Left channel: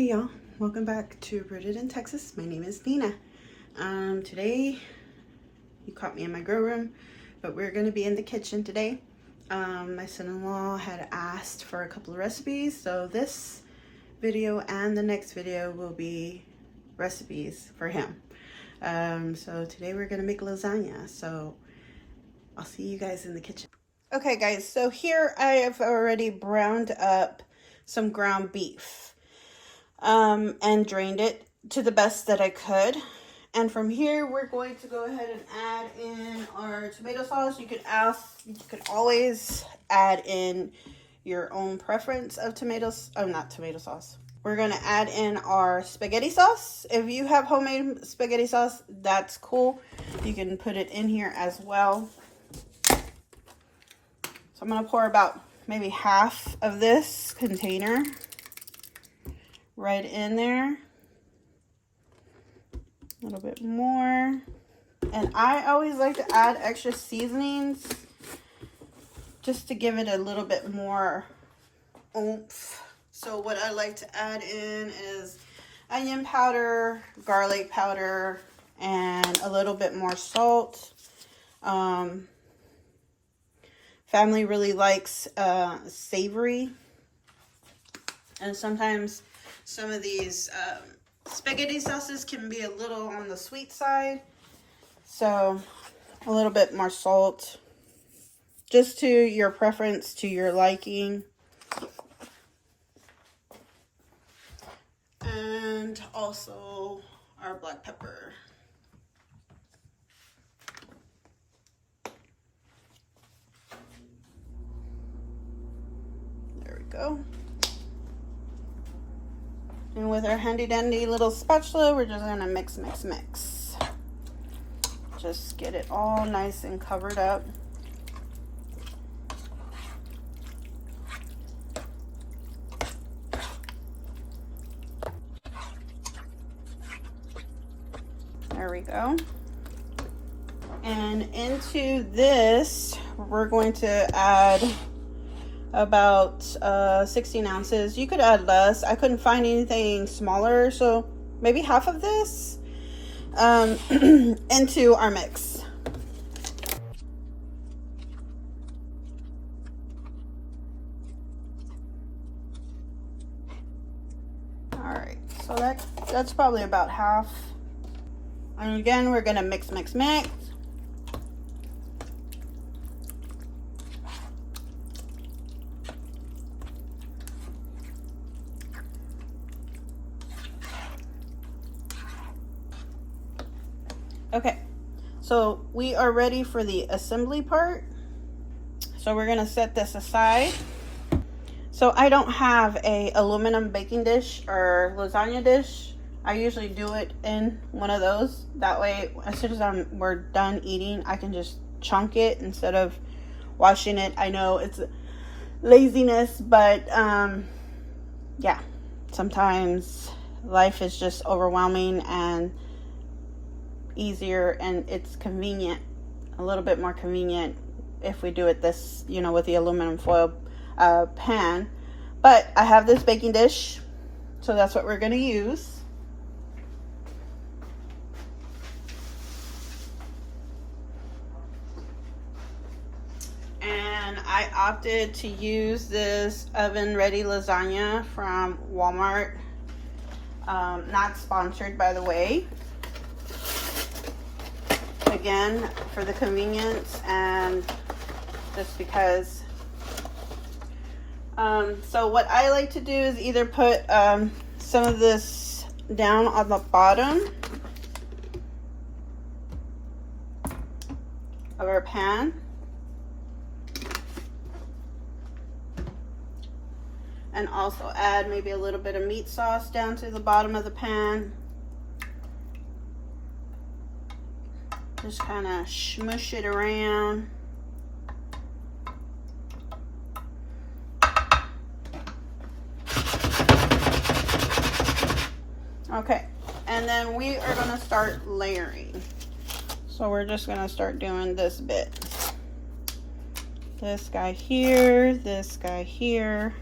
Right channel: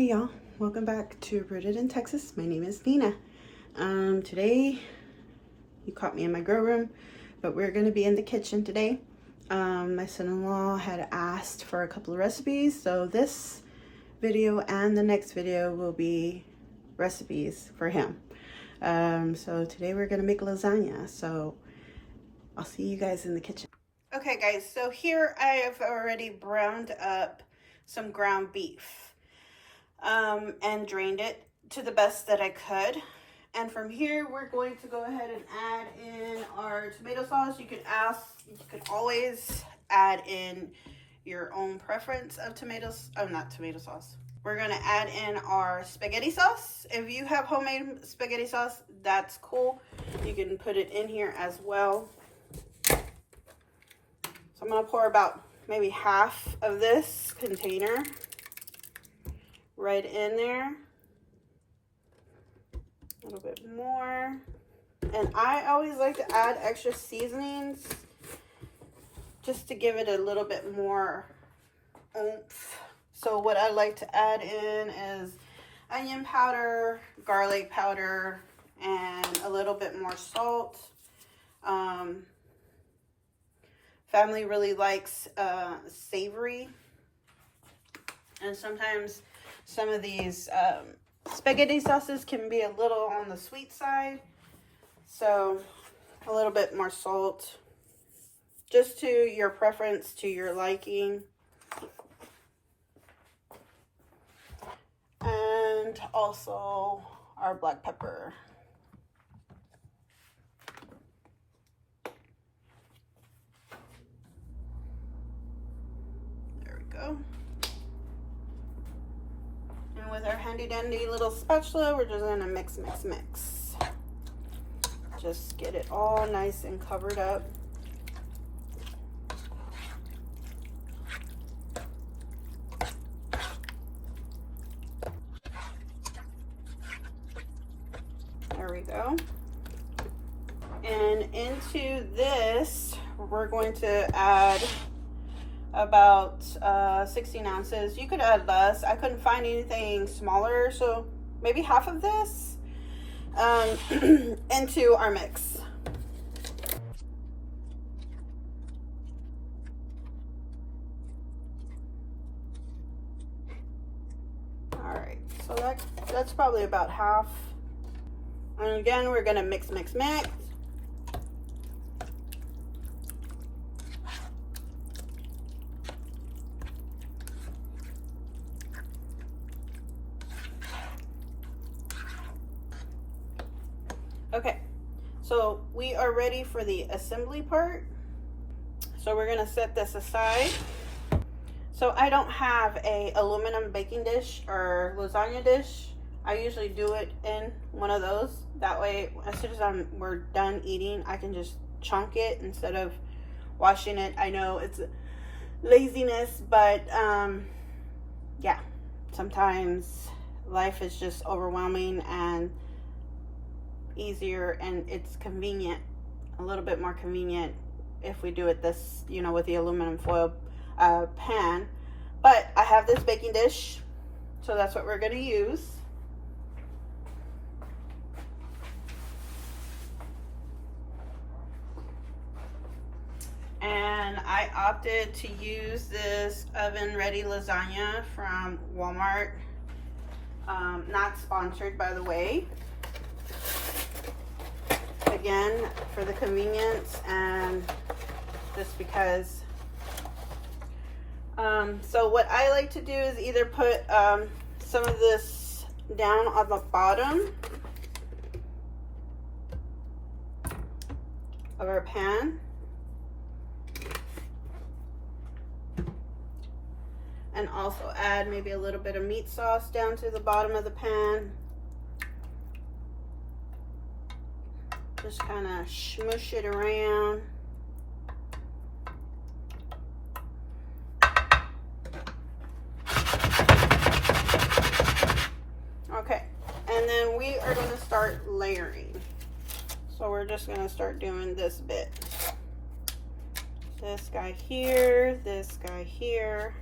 Hey y'all, welcome back to Rooted in Texas. My name is Nina. Today, you caught me in my grow room, but we're gonna be in the kitchen today. My son-in-law had asked for a couple of recipes, so this video and the next video will be recipes for him. So today we're gonna make lasagna, so I'll see you guys in the kitchen. Okay guys, so here I have already browned up some ground beef. And drained it to the best that I could. And from here, we're going to go ahead and add in our tomato sauce. You could always add in your own preference of tomatoes. Oh, not tomato sauce. We're going to add in our spaghetti sauce. If you have homemade spaghetti sauce, that's cool. You can put it in here as well. So I'm going to pour about maybe half of this container right in there, a little bit more. And I always like to add extra seasonings just to give it a little bit more oomph. So what I like to add in is onion powder, garlic powder, and a little bit more salt. Family really likes savory, and sometimes some of these spaghetti sauces can be a little on the sweet side, so a little bit more salt, just to your preference, to your liking. And also our black pepper. There we go. And with our handy dandy little spatula, we're just gonna mix. Just get it all nice and covered up. There we go. And into this, we're going to add about 16 ounces. You could add less. I couldn't find anything smaller, so maybe half of this into our mix. All right, so that's probably about half. And again, we're gonna mix. Okay, so we are ready for the assembly part. So we're gonna set this aside. So I don't have a aluminum baking dish or lasagna dish. I usually do it in one of those. That way, as soon as we're done eating, I can just chunk it instead of washing it. I know it's laziness, but yeah, sometimes life is just overwhelming and easier, and it's convenient, a little bit more convenient if we do it this, with the aluminum foil pan. But I have this baking dish, so that's what we're going to use. And I opted to use this oven ready lasagna from Walmart. Not sponsored, by the way. Again, for the convenience and just because. So what I like to do is either put some of this down on the bottom of our pan, and also add maybe a little bit of meat sauce down to the bottom of the pan. Just kind of smush it around. Okay, and then we are going to start layering. So we're just going to start doing this bit. This guy here, this guy here.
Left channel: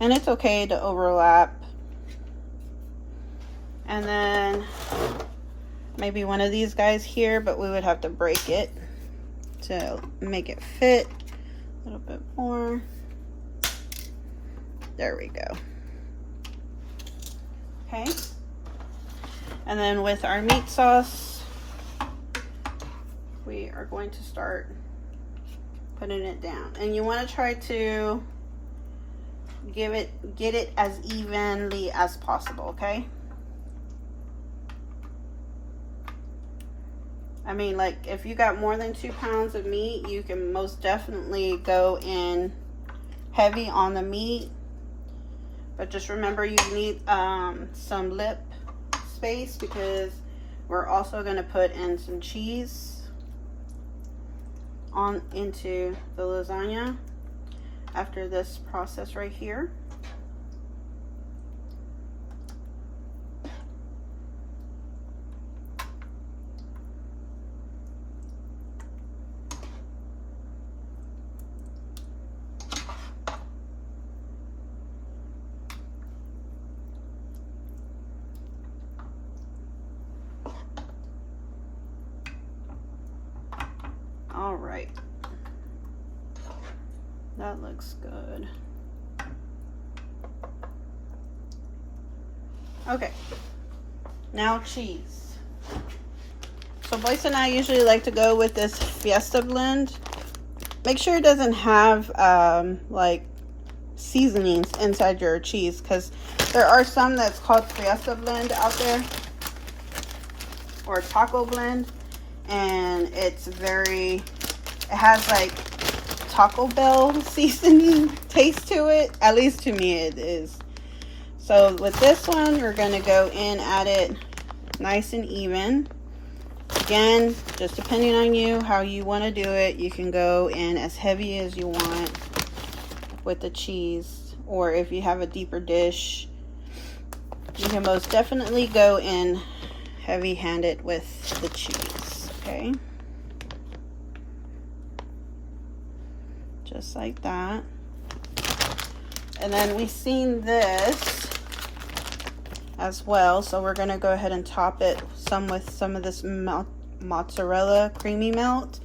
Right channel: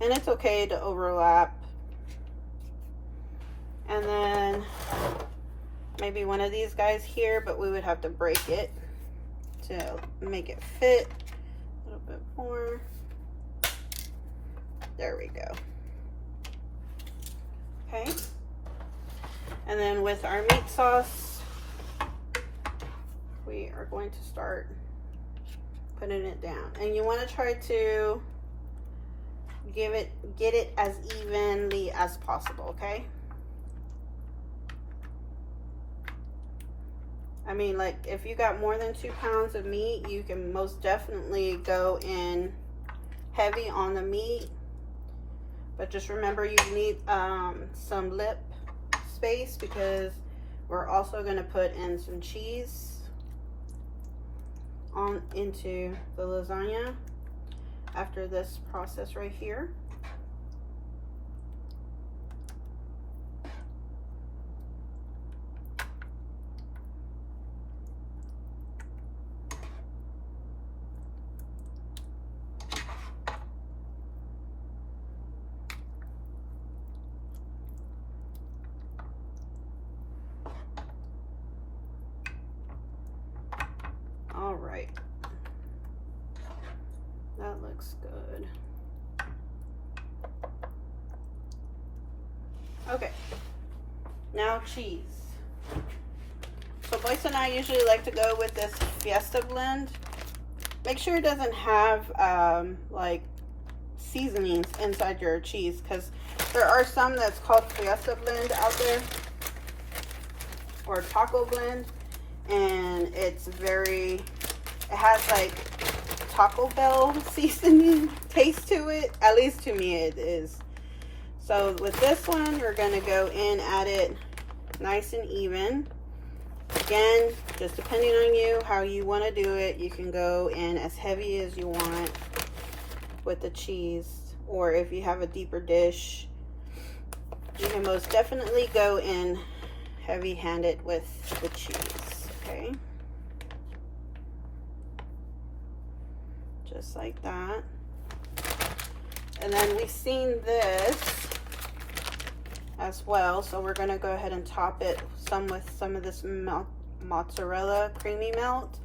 And it's okay to overlap. And then maybe one of these guys here, but we would have to break it to make it fit a little bit more. There we go. Okay. And then with our meat sauce, we are going to start putting it down. And you want to try to get it as evenly as possible, okay? I mean, like, if you got more than 2 pounds of meat, you can most definitely go in heavy on the meat. But just remember, you need some lip space because we're also going to put in some cheese on into the lasagna after this process right here. All right, that looks good. Okay, now cheese. So Boyce and I usually like to go with this Fiesta blend. Make sure it doesn't have like seasonings inside your cheese, because there are some that's called Fiesta blend out there, or taco blend, and it has like Taco Bell seasoning taste to it. At least to me it is. So with this one, we're going to go in at it nice and even. Again, just depending on you, how you want to do it, you can go in as heavy as you want with the cheese. Or if you have a deeper dish, you can most definitely go in heavy-handed with the cheese, okay? Just like that. And then we've seen this as well, so we're gonna go ahead and top it with some of this mozzarella creamy melt,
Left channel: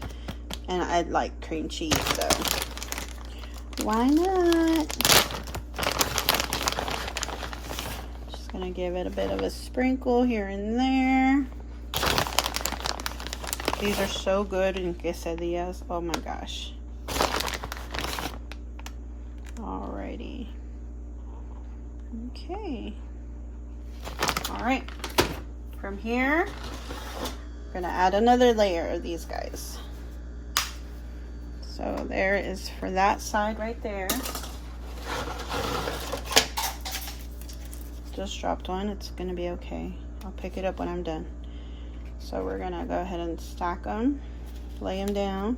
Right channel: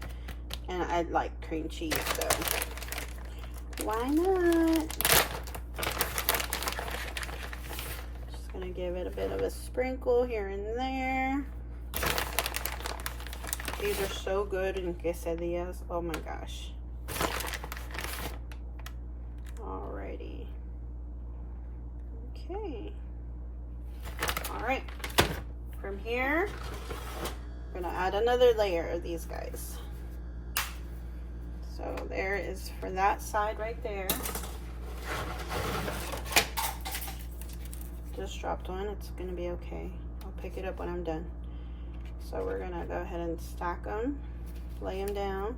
and I like cream cheese, so why not? Just gonna give it a bit of a sprinkle here and there. These are so good in quesadillas, oh my gosh. Alrighty. Okay. Alright. From here, we're gonna add another layer of these guys. So there is for that side right there. Just dropped one, it's gonna be okay. I'll pick it up when I'm done. So we're gonna go ahead and stack them, lay them down.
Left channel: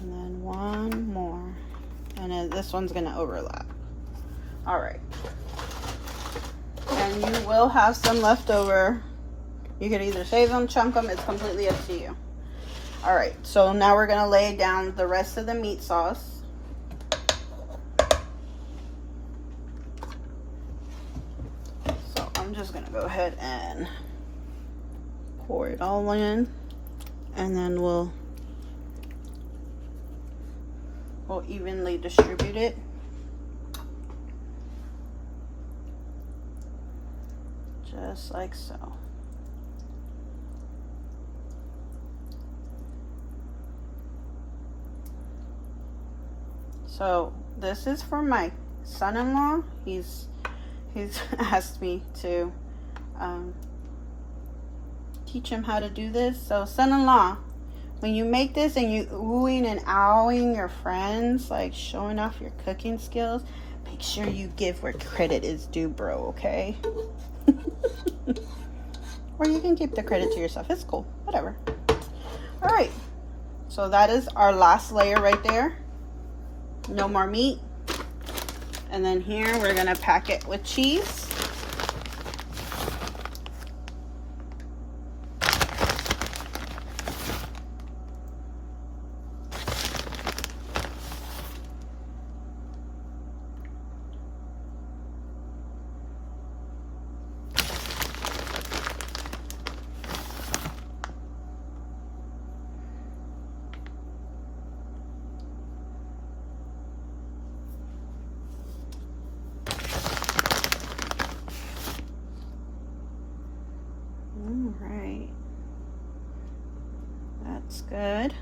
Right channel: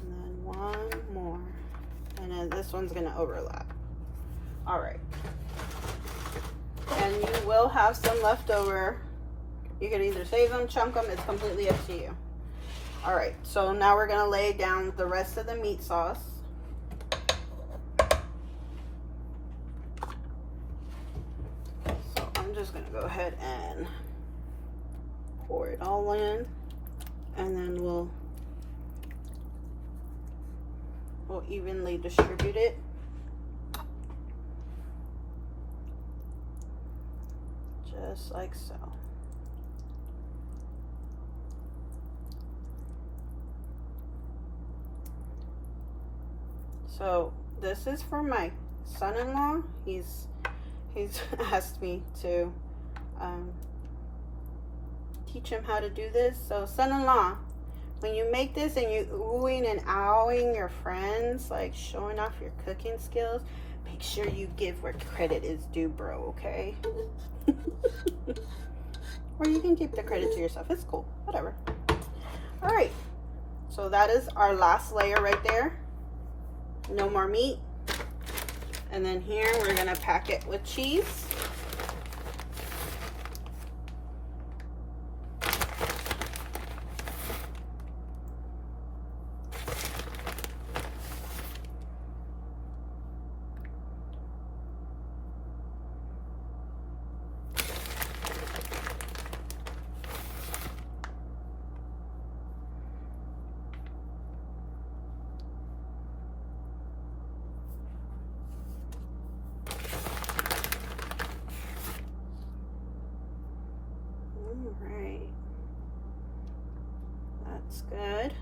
And then one more. And then this one's gonna overlap. All right. And you will have some left over. You could either save them, chunk them, it's completely up to you. All right, so now we're gonna lay down the rest of the meat sauce. So I'm just gonna go ahead and pour it all in, and then we'll evenly distribute it. Just like so. So this is for my son-in-law. He's asked me to teach him how to do this. So son-in-law, when you make this and you oohing and ahhing your friends, like showing off your cooking skills, make sure you give where credit is due, bro, okay? Or you can keep the credit to yourself. It's cool, whatever. All right, so that is our last layer right there. No more meat. And then here we're gonna pack it with cheese. looks good.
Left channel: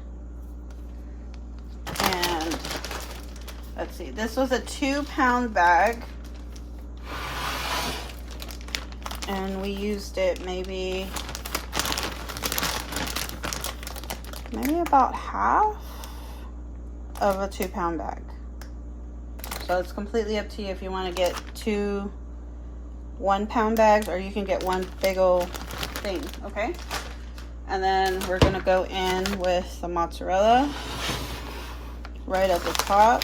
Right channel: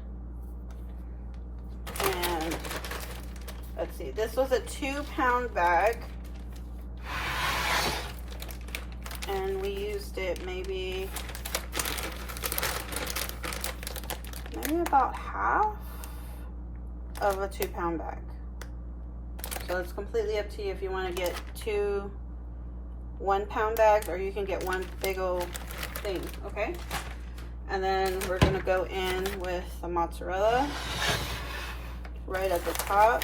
And let's see, this was a 2-pound bag. And we used it maybe about half of a 2-pound bag. So it's completely up to you if you want to get 2 1-pound bags, or you can get one big old thing, okay? And then we're gonna go in with the mozzarella right at the top.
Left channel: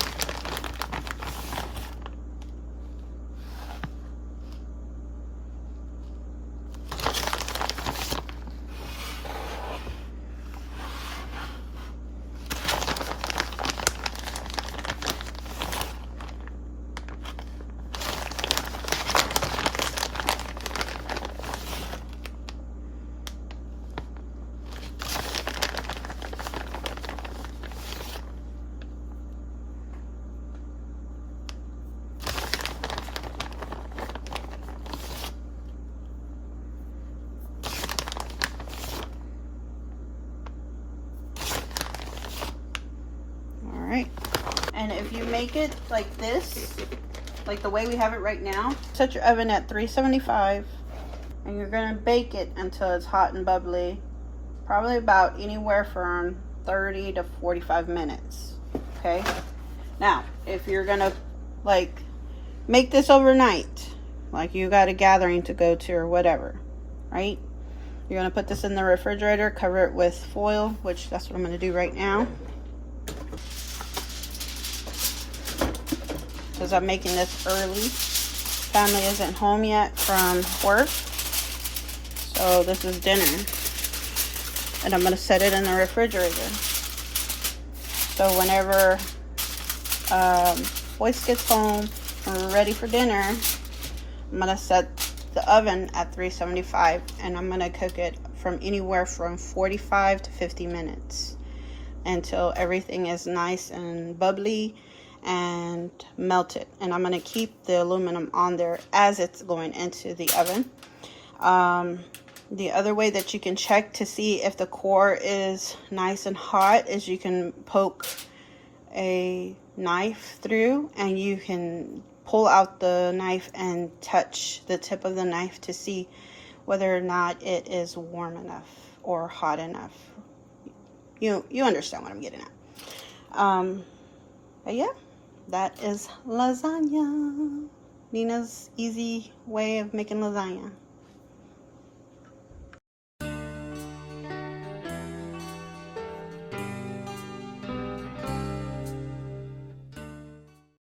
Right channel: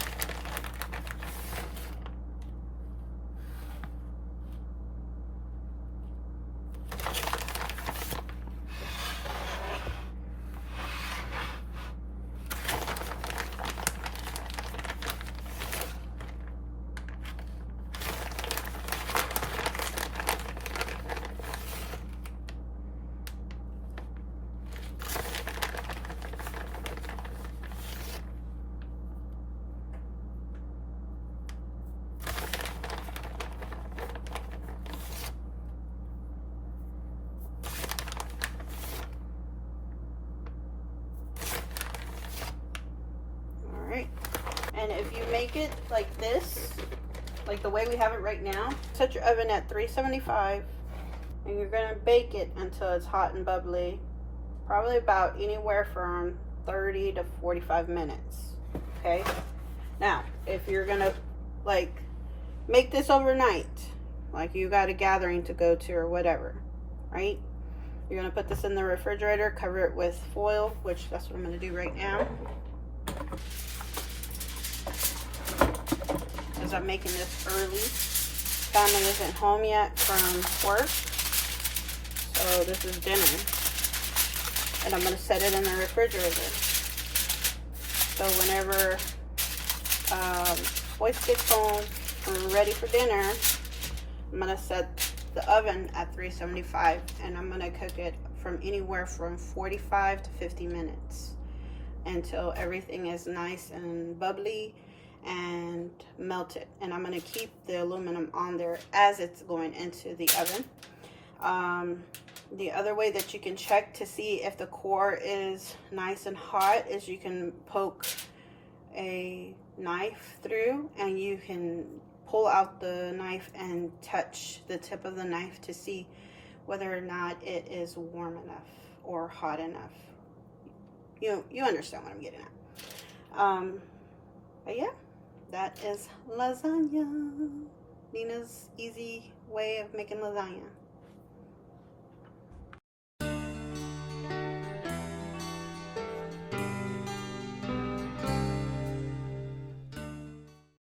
And if you make it like this, like the way we have it right now, set your oven at 375 and you're gonna bake it until it's hot and bubbly, probably about anywhere from 30 to 45 minutes, okay? Now, if you're gonna like make this overnight, like you got a gathering to go to or whatever, right? You're gonna put this in the refrigerator, cover it with foil, which that's what I'm gonna do right now. Because I'm making this early. Family isn't home yet from work, so this is dinner. And I'm gonna set it in the refrigerator. So whenever Boyce gets home and we're ready for dinner, I'm gonna set the oven at 375 and I'm gonna cook it from anywhere from 45 to 50 minutes until everything is nice and bubbly and melted. And I'm gonna keep the aluminum on there as it's going into the oven. The other way that you can check to see if the core is nice and hot is you can poke a knife through and you can pull out the knife and touch the tip of the knife to see whether or not it is warm enough or hot enough. You understand what I'm getting at. But yeah, that is lasagna. Nina's easy way of making lasagna.